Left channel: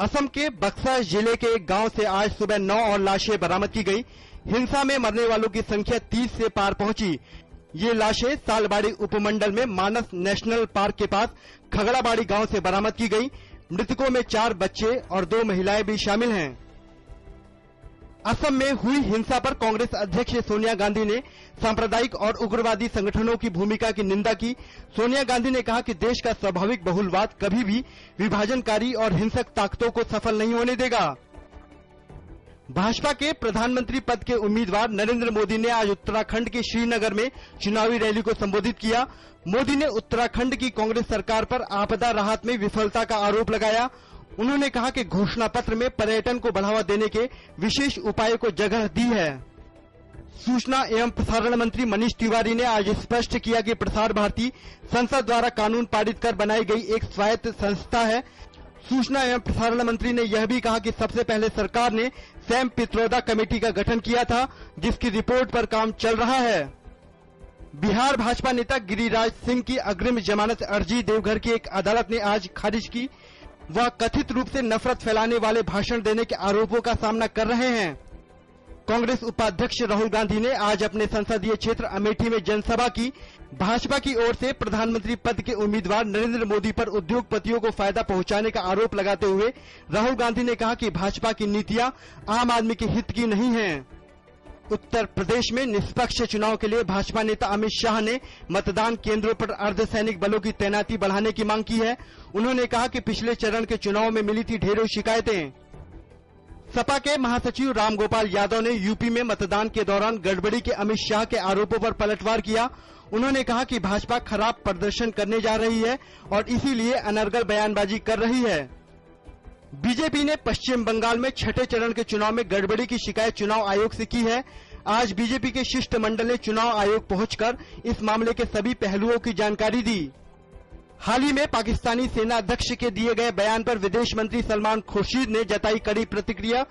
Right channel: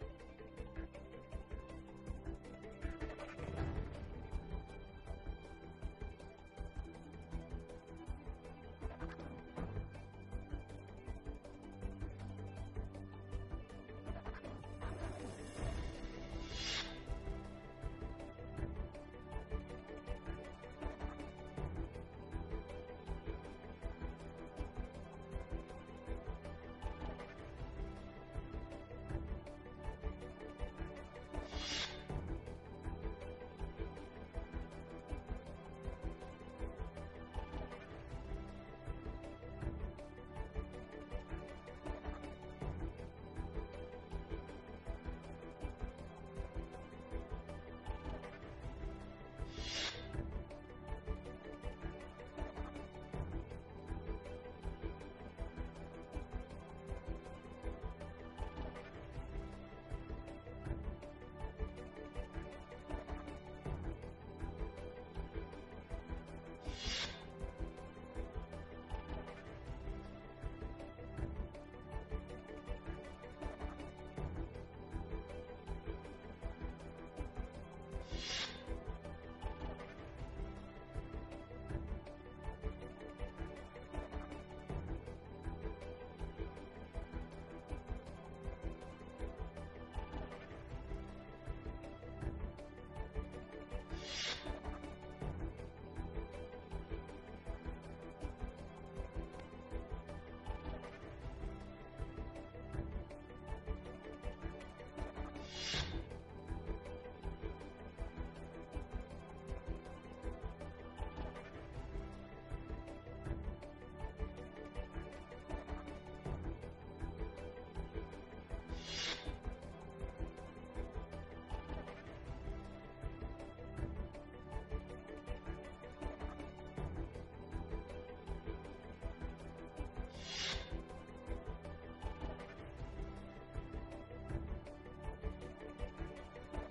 असम के बक्सर जिले के एक गांव से आज सुबह 9 और लाशें बरामद की गई। हिंसा में मरने वालों की संख्या 30 से पार पहुंची। ये लाशें सालबाड़ी उपमंडल में मानस नेशनल पार्क के पास खगड़ाबाड़ी गांव से बरामद की गई। मृतकों में 4 बच्चे और 2 महिलाएं भी शामिल हैं। असम में हुई हिंसा पर कांग्रेस अध्यक्ष सोनिया गांधी ने सांप्रदायिक और उग्रवादी संगठनों की भूमिका की निंदा की। सोनिया गांधी ने कहा कि देश का स्वाभाविक बहुलवाद कभी भी विभाजनकारी और हिंसक ताकतों को सफल नहीं होने देगा। भाजपा के प्रधानमंत्री पद के उम्मीदवार नरेंद्र मोदी ने आज उत्तराखंड के श्रीनगर में चुनावी रैली को संबोधित किया। मोदी ने उत्तराखंड की कांग्रेस सरकार पर आपदा राहत में विफलता का आरोप लगाया। उन्होंने कहा कि घोषणा पत्र में पर्यटन को बढ़ावा देने के विशेष उपायों को जगह दी है। सूचना एवं प्रसारण मंत्री मनीष तिवारी ने आज स्पष्ट किया कि प्रसार भारती संसद द्वारा कानून पारित कर बनाई गई एक स्वायत्त संस्था है। सूचना एवं प्रसारण मंत्री ने यह भी कहा कि सबसे पहले सरकार ने सैम पित्रोदा कमेटी का गठन किया था, जिसकी रिपोर्ट पर काम चल रहा है। बिहार भाजपा नेता गिरिराज सिंह की अग्रिम जमानत अर्जी देवघर की एक अदालत ने आज खारिज की। वह कथित रूप से नफरत फैलाने वाले भाषण देने के आरोपों का सामना कर रहे हैं। कांग्रेस उपाध्यक्ष राहुल गांधी ने आज अपने संसदीय क्षेत्र अमेठी में जनसभा की। भाजपा की ओर से प्रधानमंत्री पद के उम्मीदवार नरेंद्र मोदी पर उद्योगपतियों को फायदा पहुंचाने का आरोप लगाते हुए राहुल गांधी ने कहा कि भाजपा की नीतियां आम आदमी के हित की नहीं हैं। उत्तर प्रदेश में निष्पक्ष चुनाव के लिए भाजपा नेता अमित शाह ने मतदान केंद्रों पर अर्धसैनिक बलों की तैनाती बढ़ाने की मांग की है। उन्होंने कहा कि पिछले चरण के चुनाव में मिली थी ढेरों शिकायतें। सपा के महासचिव रामगोपाल यादव ने यूपी में मतदान के दौरान गड़बड़ी के अमित शाह के आरोपों पर पलटवार किया। उन्होंने कहा कि भाजपा खराब प्रदर्शन करने जा रही है और इसीलिए अनर्गल बयानबाजी कर रही है। बीजेपी ने पश्चिम बंगाल में छठे चरण के चुनाव में गड़बड़ी की शिकायत चुनाव आयोग से की है। आज बीजेपी के शिष्टमंडल ने चुनाव आयोग पहुंचकर इस मामले के सभी पहलुओं की जानकारी दी। हाल ही में पाकिस्तानी सेना अध्यक्ष के दिए गए बयान पर विदेश मंत्री सलमान खुर्शीद ने जताई कड़ी प्रतिक्रिया।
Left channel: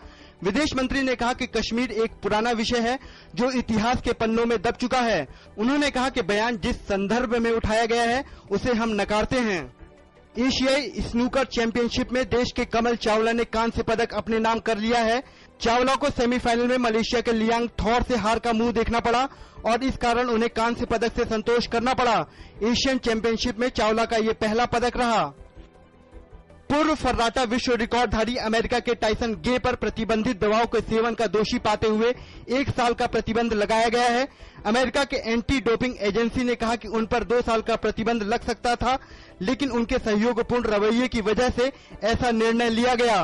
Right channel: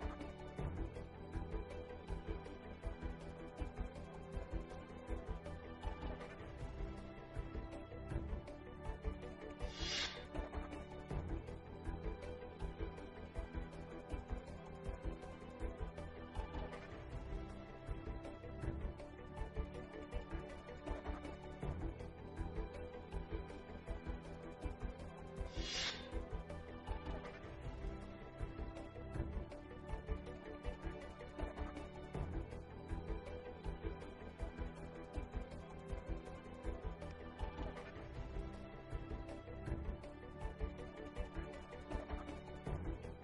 विदेश मंत्री ने कहा कि कश्मीर एक पुराना विषय है जो इतिहास के पन्नों में दब चुका है। उन्होंने कहा कि बयान जिस संदर्भ में उठाया गया है उसे हम नकारते हैं। एशियाई स्नूकर चैंपियनशिप में देश के कमल चावला ने कांस्य पदक अपने नाम कर लिया है। चावला को सेमीफाइनल में मलेशिया के लियांग थॉर से हार का मुंह देखना पड़ा और इस कारण उन्हें कांस्य पदक से संतोष करना पड़ा। एशियन चैंपियनशिप में चावला का ये पहला पदक रहा। पूर्व फर्राटा विश्व रिकॉर्डधारी अमेरिका के टाइसन गे पर प्रतिबंधित दवाओं के सेवन का दोषी पाते हुए 1 साल का प्रतिबंध लगाया गया है। अमेरिका के एंटी डोपिंग एजेंसी ने कहा कि उन पर 2 साल का प्रतिबंध लग सकता था, लेकिन उनके सहयोगपूर्ण रवैये की वजह से ऐसा निर्णय लिया गया।